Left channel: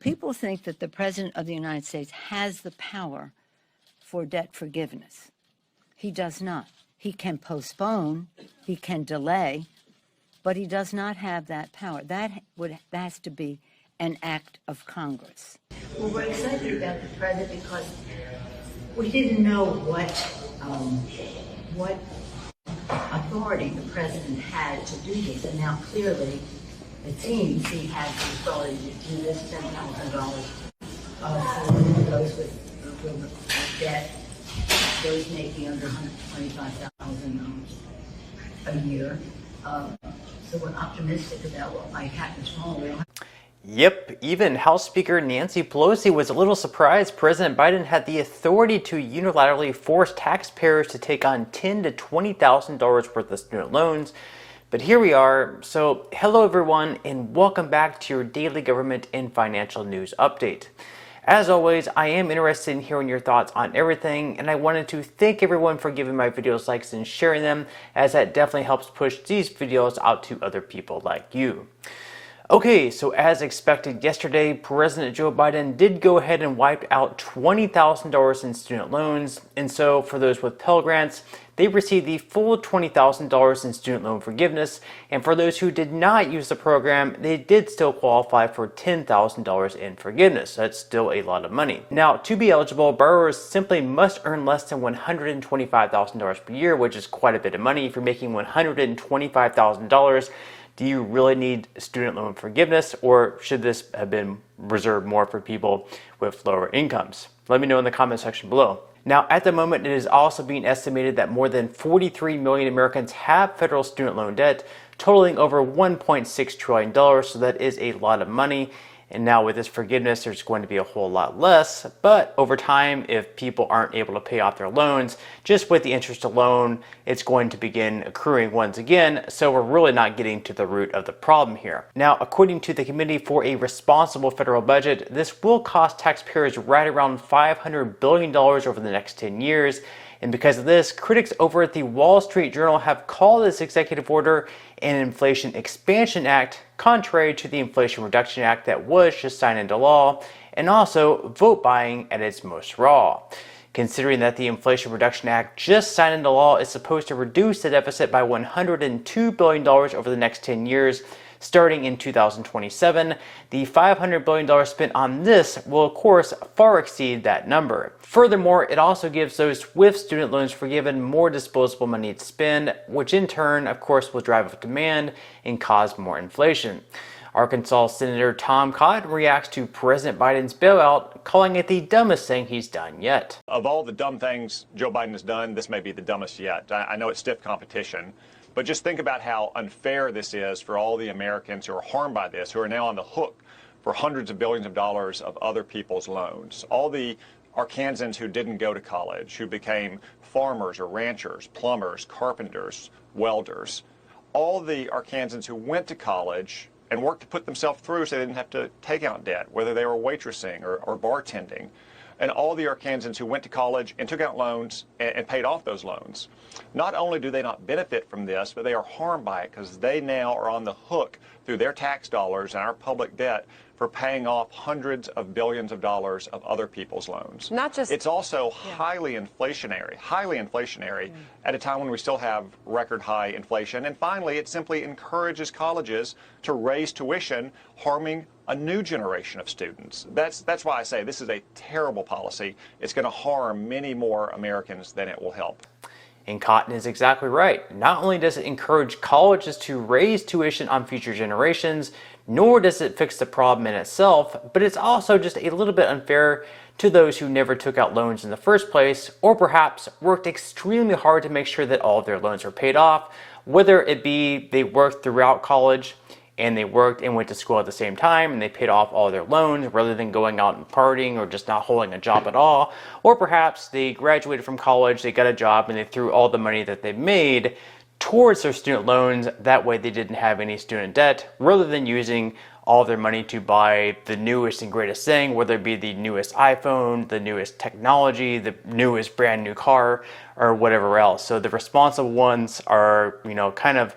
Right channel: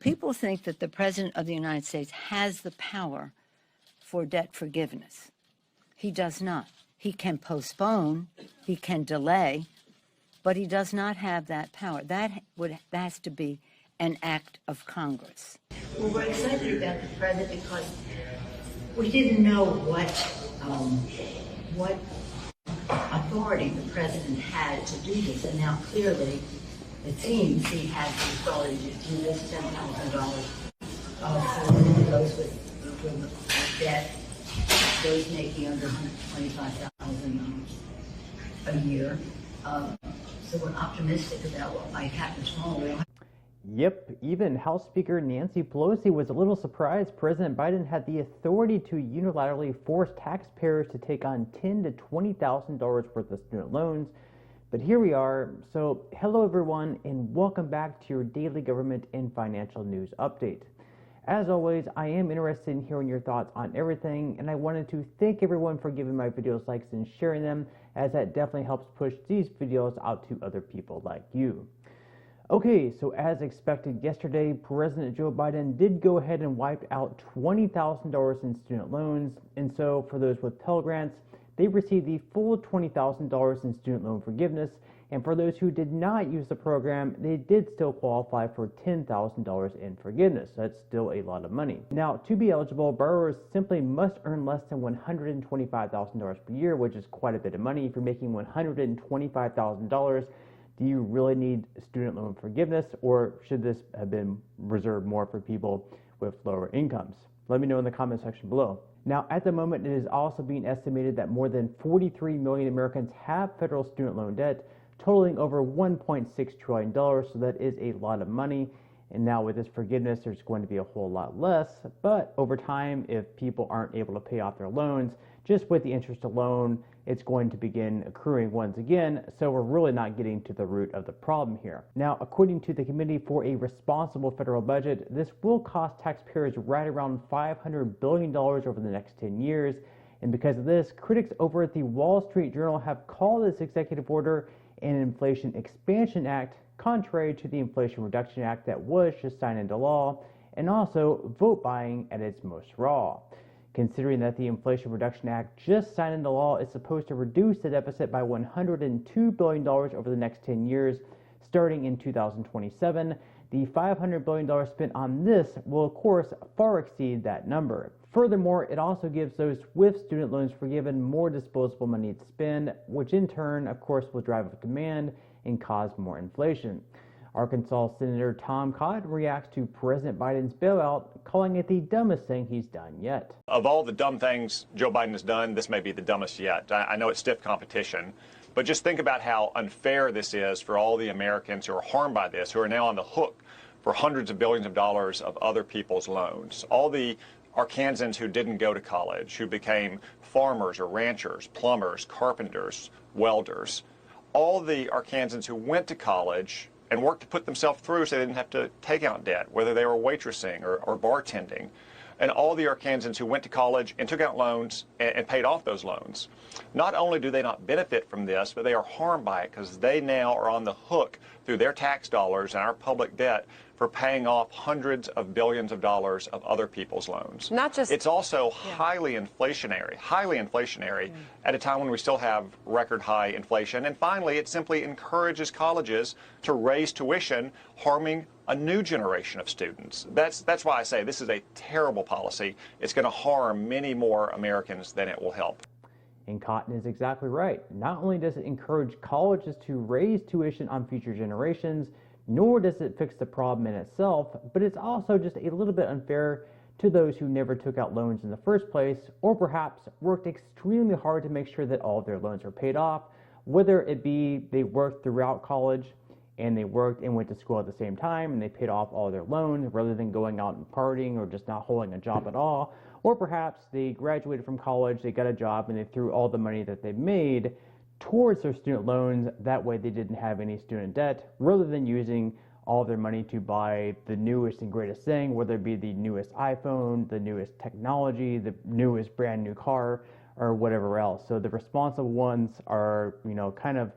People think that the President of the United States has the power for debt forgiveness. He does not. He can postpone, he can delay, but he does not have that power. That has to be an act of Congress. Well, we're excited about the President because we didn't know what authority the President had to do this, and now clearly it seems he has the authority to do this. $10,000 for those with debt, those making under $125,000 a year. So we're optimistic about what might happen tomorrow. Yep, even House Speaker Nancy Pelosi was a little surprised President Biden had the authority to unilaterally force taxpayers to take on $10,000 to $20,000 worth of student loans. But here we are. So hello everyone and welcome back to your daily government and financial news update. As always, I am interested in hearing your thoughts on everything, and I wanted to thank everyone for giving my videos likes and sharing them, as that definitely helps push these videos out to other people like you. Okay, so as expected yesterday, President Joe Biden did go ahead and wipe out $20,000 in student loans. And so for those with Pell Grants, they received the full $20,000 in student loan forgiveness. And for those who did not use the program, they did still qualify for $10,000 in forgiveness. That's still a lot of money. Now, to be eligible, borrowers simply must earn less than $125,000 per year, which is quite a bit of money. If you're making $125,000, do you really need student loan forgiveness, or should this have been reserved more for people with lower incomes? Let me know in the comment section below. Now, at the moment, it is also being estimated that more than 43 million Americans have federal student loan debt, totaling over $1.6 trillion, so that is a lot of money. And now with this forgiveness, there's going to be a whole lot less. But over time, if people aren't able to pay off their loans, just with the interest alone, it's going to begin accruing once again. So we're really not getting to the root of the problem here. Now, according to the Committee for a Responsible Federal Budget, this will cost taxpayers right around $500 billion over the next 10 years. And because of this, critics over at the Wall Street Journal have called this executive order an Inflation Expansion Act, contrary to the Inflation Reduction Act that was just signed into law, and also vote buying at its most raw. Considering that the Inflation Reduction Act just signed into law is supposed to reduce the deficit by $102 billion over the next 10 years, starting in 2027, the $500 billion spent on this will of course far exceed that number. Furthermore, it also gives those with student loans forgiven more disposable money to spend, which in turn, of course, will drive up demand and cause more inflation. Arkansas Senator Tom Cotton reacts to President Biden's bailout, calling it the dumbest thing he's done yet. Of all the dumb things Joe Biden has done, this may be the dumbest yet. I know it's stiff competition, but just think about how unfair this is for all the Americans who are harmed by this, who are now on the hook for hundreds of billions of dollars of other people's loans. All the Arkansans who didn't go to college, who became farmers or ranchers, plumbers, carpenters, welders. All the Arkansans who went to college and worked to put themselves through so they didn't have to take out debt, whether they were waitressing or bartending. And all the Arkansans who went to college and took out loans and paid off those loans. Not only do they not benefit from this, but they are harmed by it because they now are on the hook through their tax dollars and our public debt for paying off hundreds of billions of dollars of other people's loans. Not just, it's also highly inflationary at a time when we still have record high inflation. And finally, it simply encourages colleges to raise tuition, harming a new generation of students. That's why I say this is a terrible policy. It's going to harm many more Americans than it will help. And Cotton is exactly right. Not only does it encourage colleges to raise tuition on future generations, nor does it fix the problem in itself, but it's also just a little bit unfair to those who never took out loans in the first place, or perhaps worked extremely hard to make sure that all of their loans are paid off, whether it be they worked throughout college and they worked and went to school at the same time and they paid off all their loans rather than going out and partying or just not holding a job at all. Or perhaps they graduated from college, they got a job, and they threw all the money that they made towards their student loans. That way they didn't have any student debt, rather than using all their money to buy the newest and greatest thing, whether it be the newest iPhone, the newest technology, the newest brand new car, or whatever else. So the responsible ones are, kind of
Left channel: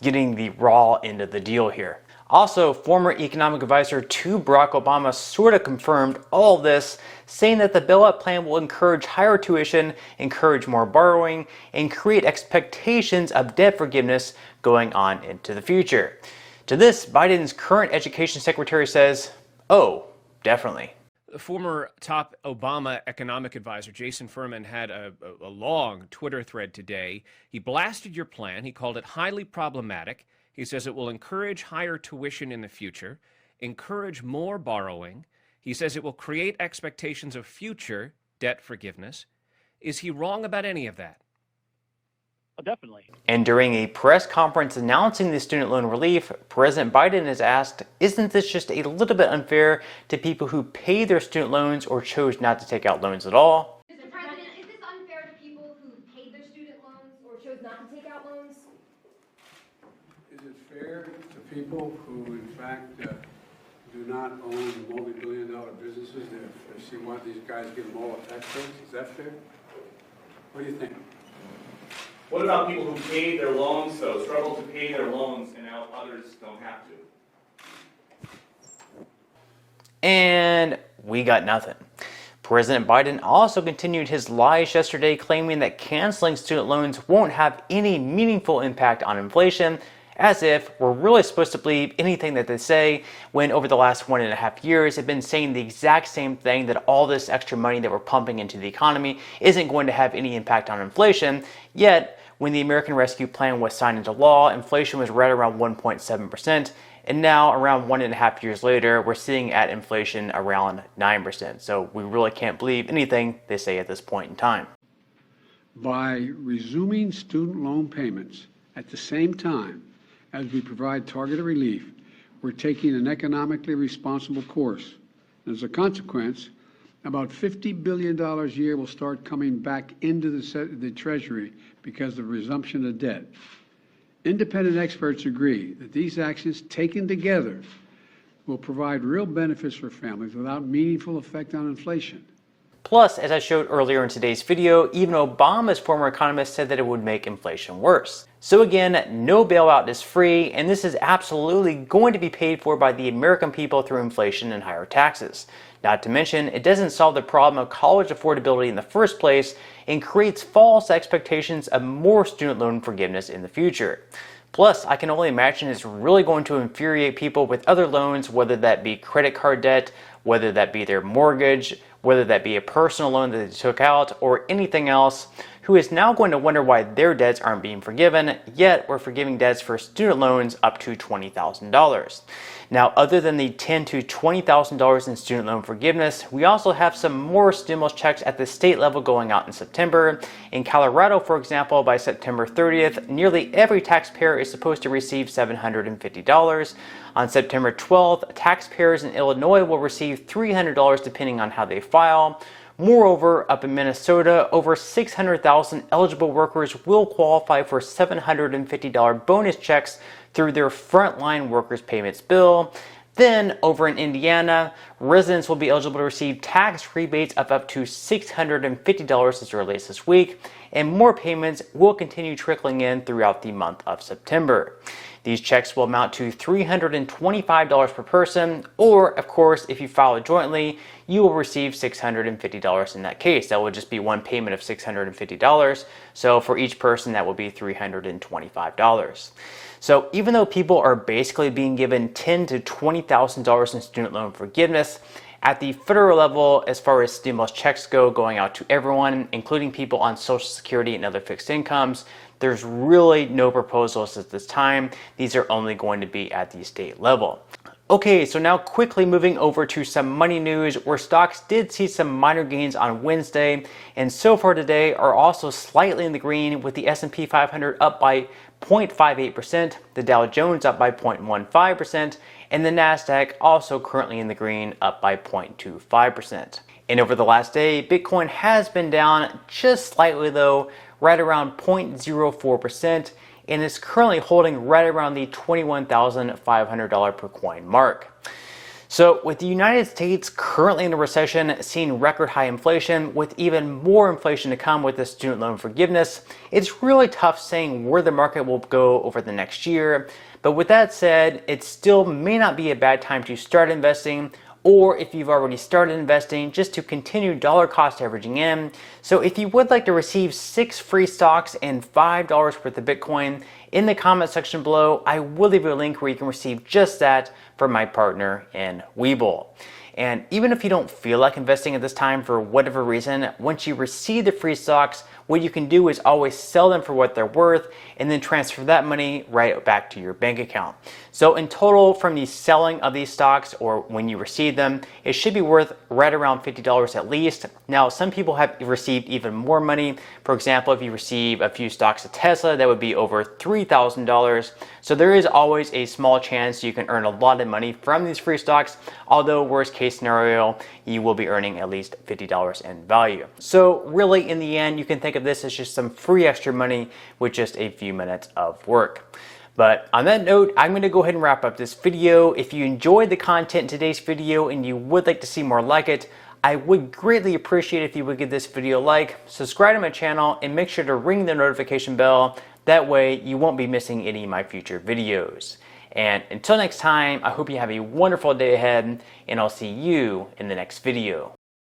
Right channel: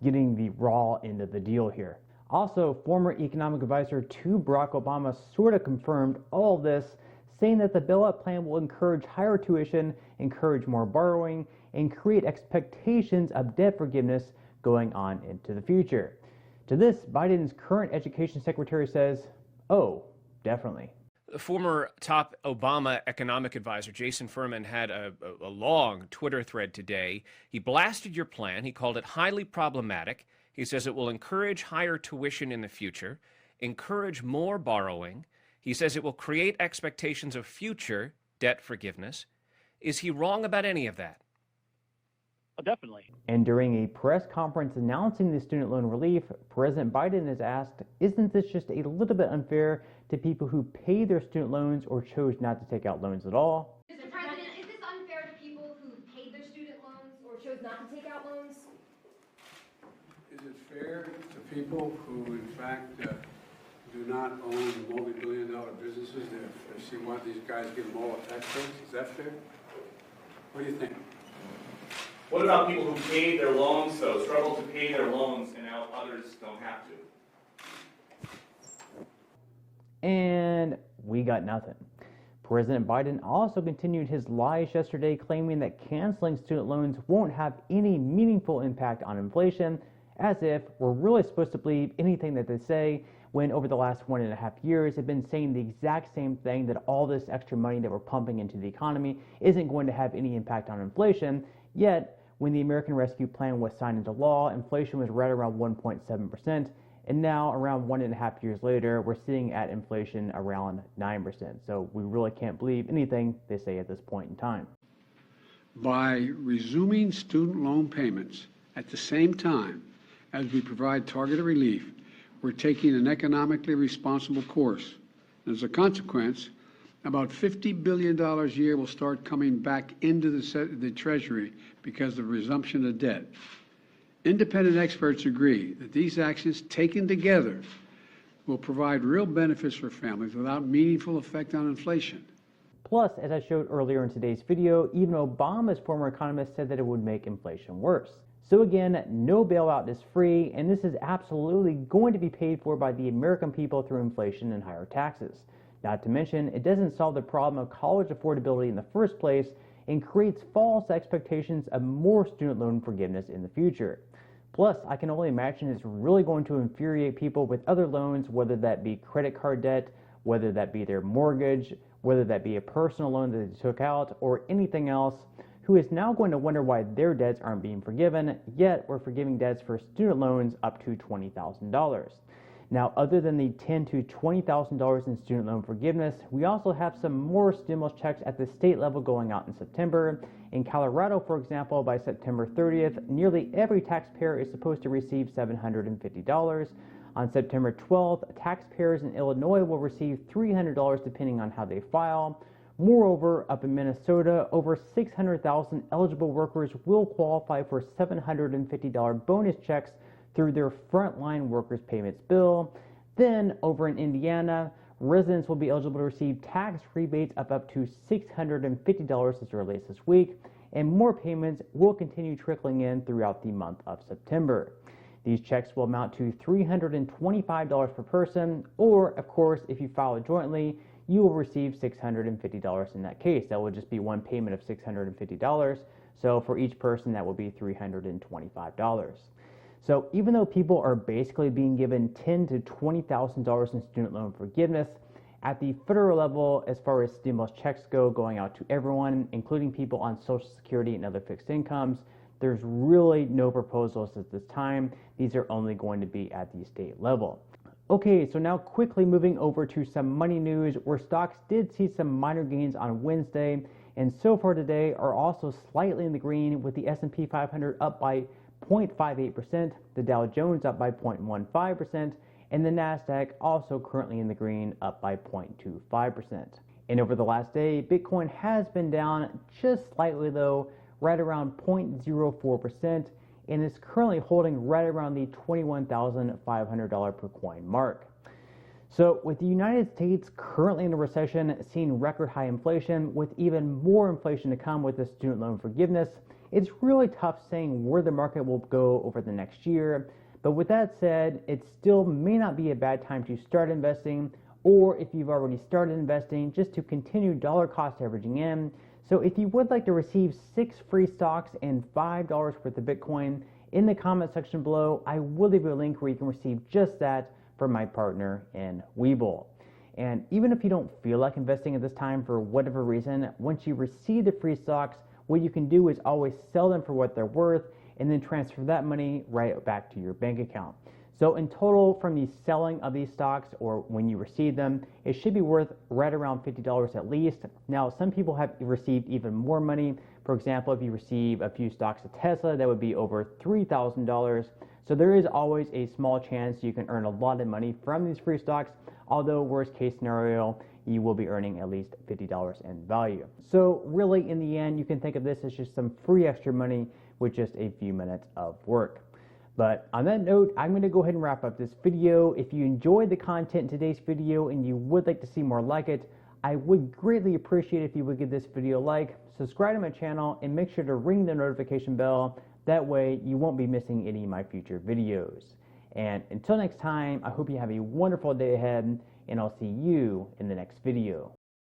getting the raw end of the deal here. Also, former economic advisor to Barack Obama sort of confirmed all of this, saying that the bailout plan will encourage higher tuition, encourage more borrowing, and create expectations of debt forgiveness going on into the future. To this, Biden's current education secretary says, "Oh, definitely." The former top Obama economic advisor, Jason Furman, had a long Twitter thread today. He blasted your plan. He called it highly problematic. He says it will encourage higher tuition in the future, encourage more borrowing. He says it will create expectations of future debt forgiveness. Is he wrong about any of that? Oh, definitely. And during a press conference announcing the student loan relief, President Biden is asked, isn't this just a little bit unfair to people who pay their student loans or chose not to take out loans at all? Mr. President, is this unfair to people who paid their student loans or chose not to take out loans? Is it fair to people who, in fact, do not own multi-billion-dollar businesses? If they see why these guys give them all a tax breaks, is that fair? What do you think? What about people who paid their loans, though, struggle to pay their loans, and now others don't have to? And we got nothing. President Biden also continued his lies yesterday, claiming that canceling student loans won't have any meaningful impact on inflation, as if we're really supposed to believe anything that they say, when over the last 1.5 years they've been saying the exact same thing, that all this extra money that we're pumping into the economy isn't going to have any impact on inflation. Yet, when the American Rescue Plan was signed into law, inflation was right around 1.7%, and now around 1.5 years later, we're seeing at inflation around 9%. So we really can't believe anything they say at this point in time. By resuming student loan payments at the same time as we provide targeted relief, we're taking an economically responsible course. As a consequence, about $50 billion a year will start coming back into the Treasury because of resumption of debt. Independent experts agree that these actions taken together will provide real benefits for families without meaningful effect on inflation. Plus, as I showed earlier in today's video, even Obama's former economist said that it would make inflation worse. So again, no bailout is free, and this is absolutely going to be paid for by the American people through inflation and higher taxes. Not to mention, it doesn't solve the problem of college affordability in the first place and creates false expectations of more student loan forgiveness in the future. Plus, I can only imagine it's really going to infuriate people with other loans, whether that be credit card debt, whether that be their mortgage, whether that be a personal loan that they took out, or anything else, who is now going to wonder why their debts aren't being forgiven, yet we're forgiving debts for student loans up to $20,000. Now, other than the $10,000 to $20,000 in student loan forgiveness, we also have some more stimulus checks at the state level going out in September. In Colorado, for example, by September 30th, nearly every taxpayer is supposed to receive $750. On September 12th, taxpayers in Illinois will receive $300 depending on how they file. Moreover, up in Minnesota, over 600,000 eligible workers will qualify for $750 bonus checks through their Frontline Workers Payments bill. Then, over in Indiana, residents will be eligible to receive tax rebates of up to $650 as early as this week, and more payments will continue trickling in throughout the month of September. These checks will amount to $325 per person, or, of course, if you file it jointly, you will receive $650 in that case. That will just be one payment of $650. So for each person, that will be $325. So even though people are basically being given $10,000 to $20,000 in student loan forgiveness, at the federal level, as far as stimulus checks go, going out to everyone, including people on Social Security and other fixed incomes, there's really no proposals at this time. These are only going to be at the state level. Okay, so now quickly moving over to some money news, where stocks did see some minor gains on Wednesday, and so far today are also slightly in the green, with the S&P 500 up by 0.58%, the Dow Jones up by 0.15%, and the Nasdaq also currently in the green, up by 0.25%. And over the last day, Bitcoin has been down just slightly though, right around 0.04%, and is currently holding right around the $21,500 per coin mark. So with the United States currently in a recession, seeing record high inflation, with even more inflation to come with the student loan forgiveness, it's really tough saying where the market will go over the next year. But with that said, it still may not be a bad time to start investing, or if you've already started investing, just to continue dollar cost averaging in. So if you would like to receive 6 free stocks and $5 worth of Bitcoin, in the comment section below, I will leave you a link where you can receive just that from my partner in Webull. And even if you don't feel like investing at this time for whatever reason, once you receive the free stocks, what you can do is always sell them for what they're worth and then transfer that money right back to your bank account. So in total, from the selling of these stocks or when you receive them, it should be worth right around $50 at least. Now, some people have received even more money. For example, if you receive a few stocks of Tesla, that would be over $3,000. So there is always a small chance you can earn a lot of money from these free stocks, although worst case scenario, you will be earning at least $50 in value. So really, in the end, you can think of this as just some free extra money with just a few minutes of work. But on that note, I'm going to go ahead and wrap up this video. If you enjoyed the content in today's video and you would like to see more like it, I would greatly appreciate if you would give this video a like, subscribe to my channel, and make sure to ring the notification bell. That way you won't be missing any of my future videos. And until next time, I hope you have a wonderful day ahead, and I'll see you in the next video.